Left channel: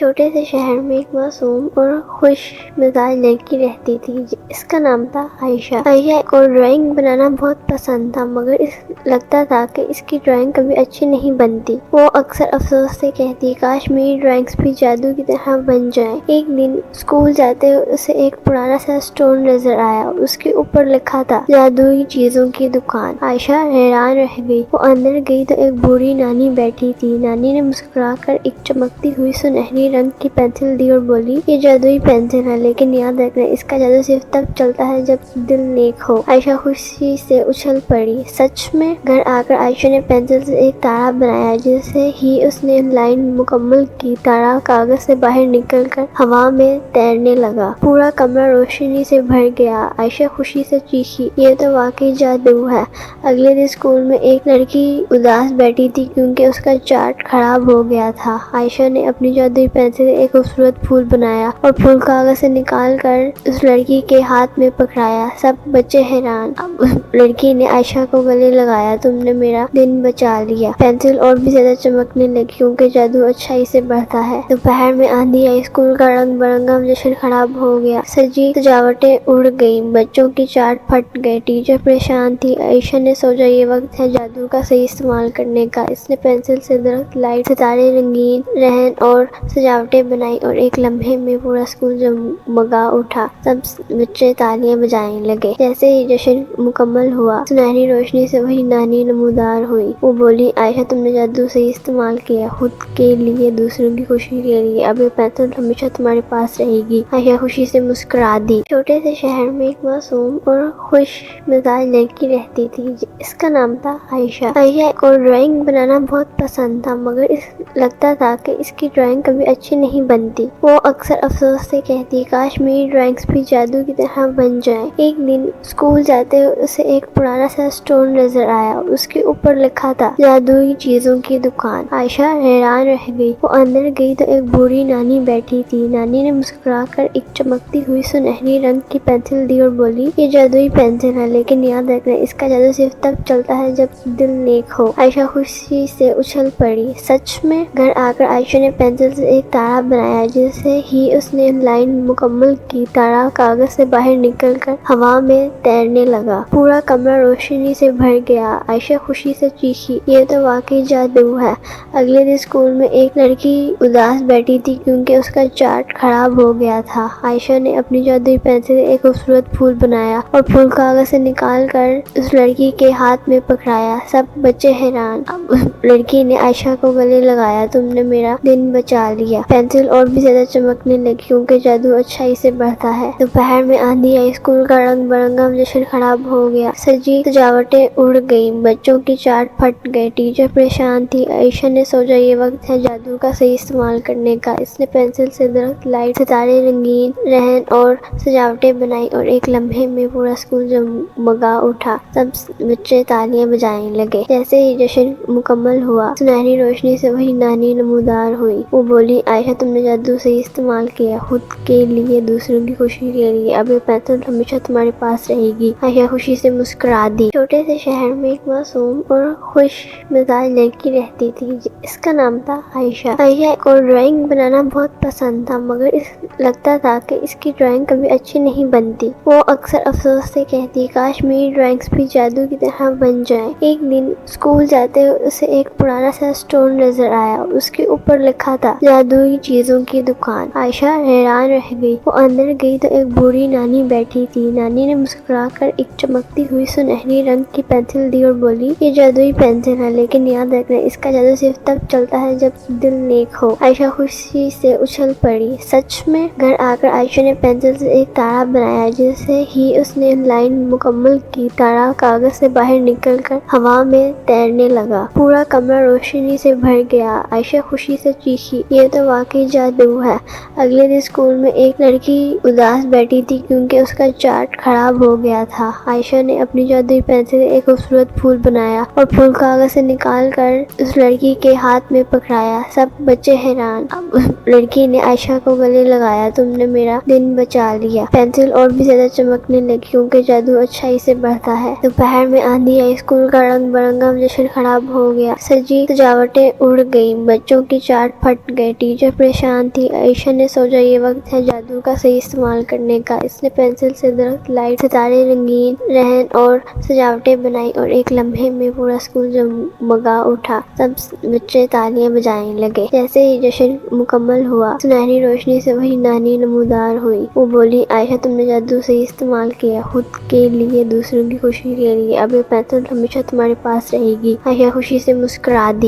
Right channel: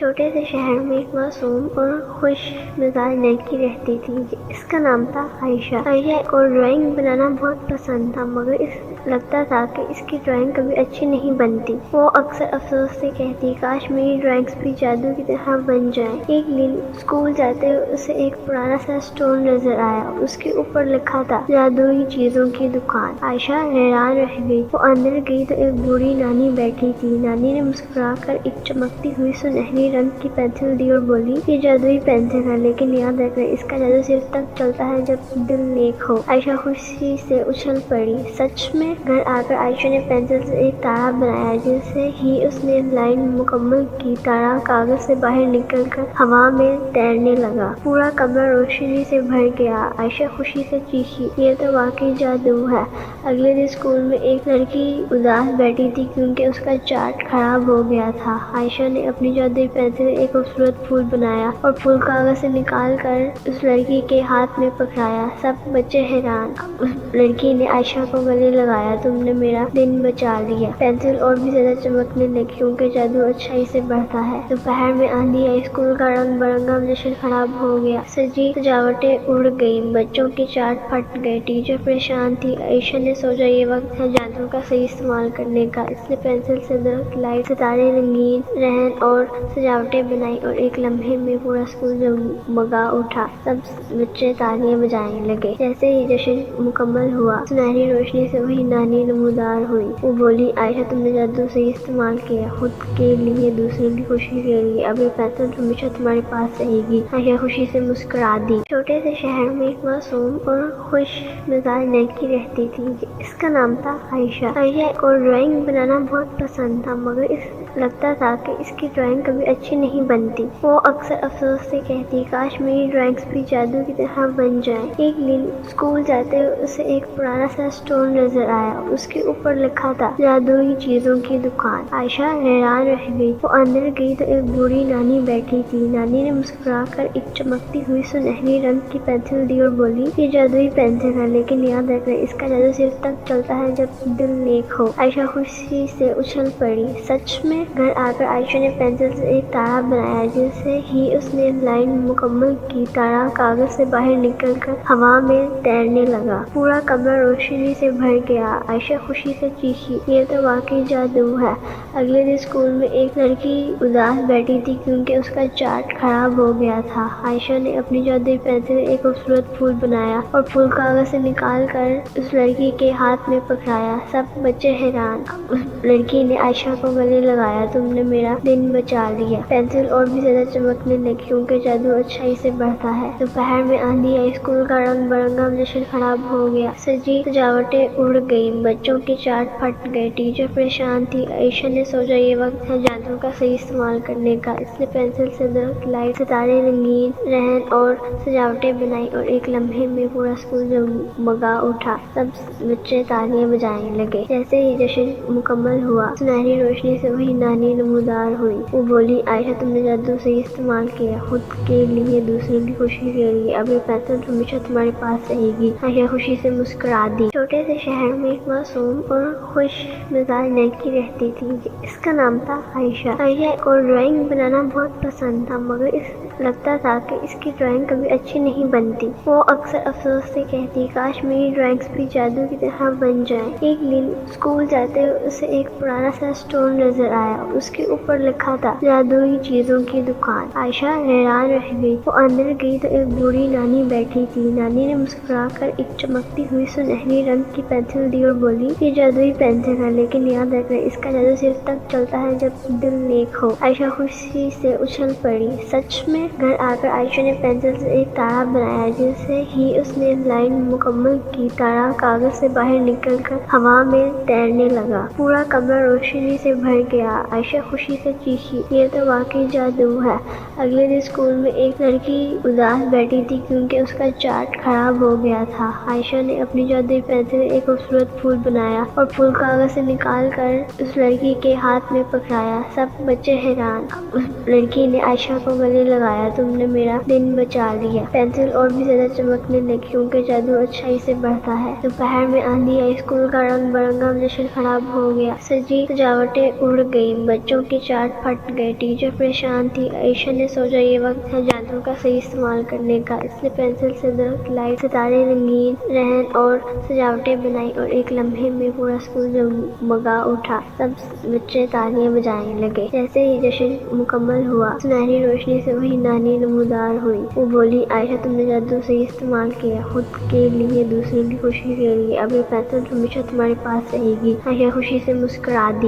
چھوٹے سے شہر میں ایک معصوم اور خوش مزاج لڑکی رہتی تھی۔ اس کا نام تھا عائشہ۔ عائشہ کو ڈرائنگ بنانا بہت پسند تھا، مگر لگتا تھا کہ اس کی ڈرائنگ کبھی اچھی نہیں بنتی۔ وہ اکثر افسوس سے کہتی، کاش میری ڈرائنگز بھی جادو کی طرح بن جائیں۔ ایک دن اسکول جاتے ہوئے اسے ایک پرانا سا اسٹور نظر آیا اور اس کے اوپر لکھا تھا جادوئی چیزوں کی دکان۔ عائشہ حیران رہ گئی۔ وہ اندر گئی تو ایک بوڑھی نانی بیٹھی تھی۔ نانی نے مسکرا کر ایک چمکتی ہوئی سنہری رنگ کی پینسل دی اور بولی، یہ جادوئی پینسل ہے، لیکن یاد رکھنا اس کا جادو صرف تب چلتا ہے جب دل نیک ہو۔ عائشہ خوشی سے اچھل پڑی۔ سچ میں؟ گھر آ کر عائشہ نے پینسل سے ایک تارا بنایا۔ جیسے ہی اس نے لائن مکمل کی، تارا کاغذ سے باہر نکل کر ہوا میں تیرنے لگا۔ پورا کمرہ روشنی سے بھر گیا۔ عائشہ خوشی سے چیخی، یہ تو واقعی جادو ہے۔ اگلے دن اسکول میں ایک لڑکی اداس بیٹھی تھی کیونکہ اس کا چارٹ خراب ہو گیا تھا۔ عائشہ نے اپنی جادوئی پینسل سے ایک خوبصورت پھول بنایا اور پھول کاغذ سے نکال کر اس لڑکی کے ہاتھ میں پکڑایا۔ سب بچے حیران۔ اب اس لڑکی نے عائشہ کو گلے لگایا، تم نے میرا دن بچا لیا۔ پینسل اور بھی زیادہ چمکنے لگی کیونکہ جادو اچھائی سے بڑھتا ہے۔ دوپہر میں آندھی آئی، اسکول کا رنگ برنگا جشن خراب ہو گیا۔ سجی سجاوٹیں اڑ گئیں، بچوں کی چارٹ پھٹ گئے، ٹیچر پریشان تھی۔ عائشہ نے سوچا یہ وقت ہے جادو کا صحیح استعمال کرنے کا۔ اس نے پینسل سے درخت، لائٹ، ستارے، رنگین رہن اور سجاوٹیں بنائی اور ایک لمحے میں پورا اسکول جگمگا اٹھا۔ سب بچے تالیاں بجانے لگے۔ جیسے ہی جشن مکمل ہوا، سنہری روشنی سے وہی نانی نمودار ہوئی۔ وہ بولی، عائشہ تم نے جادو صحیح استعمال کیا، خود کے لیے، دوسروں کی خوشی کے لیے۔ اب یہ پینسل ہمیشہ تمہارے پاس رہے گی۔ عائشہ خوشی سے مسکرا دی۔ چھوٹے سے شہر میں ایک معصوم اور خوش مزاج لڑکی رہتی تھی۔ اس کا نام تھا عائشہ۔ عائشہ کو ڈرائنگ بنانا بہت پسند تھا، مگر لگتا تھا کہ اس کی ڈرائنگ کبھی اچھی نہیں بنتی۔ وہ اکثر افسوس سے کہتی، کاش میری ڈرائنگز بھی جادو کی طرح بن جائیں۔ ایک دن اسکول جاتے ہوئے اسے ایک پرانا سا اسٹور نظر آیا اور اس کے اوپر لکھا تھا جادوئی چیزوں کی دکان۔ عائشہ حیران رہ گئی۔ وہ اندر گئی تو ایک بوڑھی نانی بیٹھی تھی۔ نانی نے مسکرا کر ایک چمکتی ہوئی سنہری رنگ کی پینسل دی اور بولی، یہ جادوئی پینسل ہے، لیکن یاد رکھنا اس کا جادو صرف تب چلتا ہے جب دل نیک ہو۔ عائشہ خوشی سے اچھل پڑی۔ سچ میں؟ گھر آ کر عائشہ نے پینسل سے ایک تارا بنایا۔ جیسے ہی اس نے لائن مکمل کی، تارا کاغذ سے باہر نکل کر ہوا میں تیرنے لگا۔ پورا کمرہ روشنی سے بھر گیا۔ عائشہ خوشی سے چیخی، یہ تو واقعی جادو ہے۔ اگلے دن اسکول میں ایک لڑکی اداس بیٹھی تھی کیونکہ اس کا چارٹ خراب ہو گیا تھا۔ عائشہ نے اپنی جادوئی پینسل سے ایک خوبصورت پھول بنایا اور پھول کاغذ سے نکال کر اس لڑکی کے ہاتھ میں پکڑایا۔ سب بچے حیران۔ اب اس لڑکی نے عائشہ کو گلے لگایا، تم نے میرا دن بچا لیا۔ پینسل اور بھی زیادہ چمکنے لگی کیونکہ جادو اچھائی سے بڑھتا ہے۔ دوپہر میں آندھی آئی، اسکول کا رنگ برنگا جشن خراب ہو گیا۔ سجی سجاوٹیں اڑ گئیں، بچوں کی چارٹ پھٹ گئے، ٹیچر پریشان تھی۔ عائشہ نے سوچا یہ وقت ہے جادو کا صحیح استعمال کرنے کا۔ اس نے پینسل سے درخت، لائٹ، ستارے، رنگین رہن اور سجاوٹیں بنائی اور ایک لمحے میں پورا اسکول جگمگا اٹھا۔ سب بچے تالیاں بجانے لگے۔ جیسے ہی جشن مکمل ہوا، سنہری روشنی سے وہی نانی نمودار ہوئی۔ وہ بولی، عائشہ تم نے جادو صحیح استعمال کیا، خود کے لیے، دوسروں کی خوشی کے لیے۔ اب یہ پینسل ہمیشہ تمہارے پاس رہے گی۔ عائشہ خوشی سے مسکرا دی۔ چھوٹے سے شہر میں ایک معصوم اور خوش مزاج لڑکی رہتی تھی۔ اس کا نام تھا عائشہ۔ عائشہ کو ڈرائنگ بنانا بہت پسند تھا، مگر لگتا تھا کہ اس کی ڈرائنگ کبھی اچھی نہیں بنتی۔ وہ اکثر افسوس سے کہتی، کاش میری ڈرائنگز بھی جادو کی طرح بن جائیں۔ ایک دن اسکول جاتے ہوئے اسے ایک پرانا سا اسٹور نظر آیا اور اس کے اوپر لکھا تھا جادوئی چیزوں کی دکان۔ عائشہ حیران رہ گئی۔ وہ اندر گئی تو ایک بوڑھی نانی بیٹھی تھی۔ نانی نے مسکرا کر ایک چمکتی ہوئی سنہری رنگ کی پینسل دی اور بولی، یہ جادوئی پینسل ہے، لیکن یاد رکھنا اس کا جادو صرف تب چلتا ہے جب دل نیک ہو۔ عائشہ خوشی سے اچھل پڑی۔ سچ میں؟ گھر آ کر عائشہ نے پینسل سے ایک تارا بنایا۔ جیسے ہی اس نے لائن مکمل کی، تارا کاغذ سے باہر نکل کر ہوا میں تیرنے لگا۔ پورا کمرہ روشنی سے بھر گیا۔ عائشہ خوشی سے چیخی، یہ تو واقعی جادو ہے۔ اگلے دن اسکول میں ایک لڑکی اداس بیٹھی تھی کیونکہ اس کا چارٹ خراب ہو گیا تھا۔ عائشہ نے اپنی جادوئی پینسل سے ایک خوبصورت پھول بنایا اور پھول کاغذ سے نکال کر اس لڑکی کے ہاتھ میں پکڑایا۔ سب بچے حیران۔ اب اس لڑکی نے عائشہ کو گلے لگایا، تم نے میرا دن بچا لیا۔ پینسل اور بھی زیادہ چمکنے لگی کیونکہ جادو اچھائی سے بڑھتا ہے۔ دوپہر میں آندھی آئی، اسکول کا رنگ برنگا جشن خراب ہو گیا۔ سجی سجاوٹیں اڑ گئیں، بچوں کی چارٹ پھٹ گئے، ٹیچر پریشان تھی۔ عائشہ نے سوچا یہ وقت ہے جادو کا صحیح استعمال کرنے کا۔ اس نے پینسل سے درخت، لائٹ، ستارے، رنگین رہن اور سجاوٹیں بنائی اور ایک لمحے میں پورا اسکول جگمگا اٹھا۔ سب بچے تالیاں بجانے لگے۔ جیسے ہی جشن مکمل ہوا، سنہری روشنی سے وہی نانی نمودار ہوئی۔ وہ بولی، عائشہ تم نے جادو صحیح استعمال کیا، خود کے لیے، دوسروں کی خوشی کے لیے۔ اب یہ پینسل ہمیشہ تمہارے پاس رہے گی۔ عائشہ خوشی سے مسکرا دی۔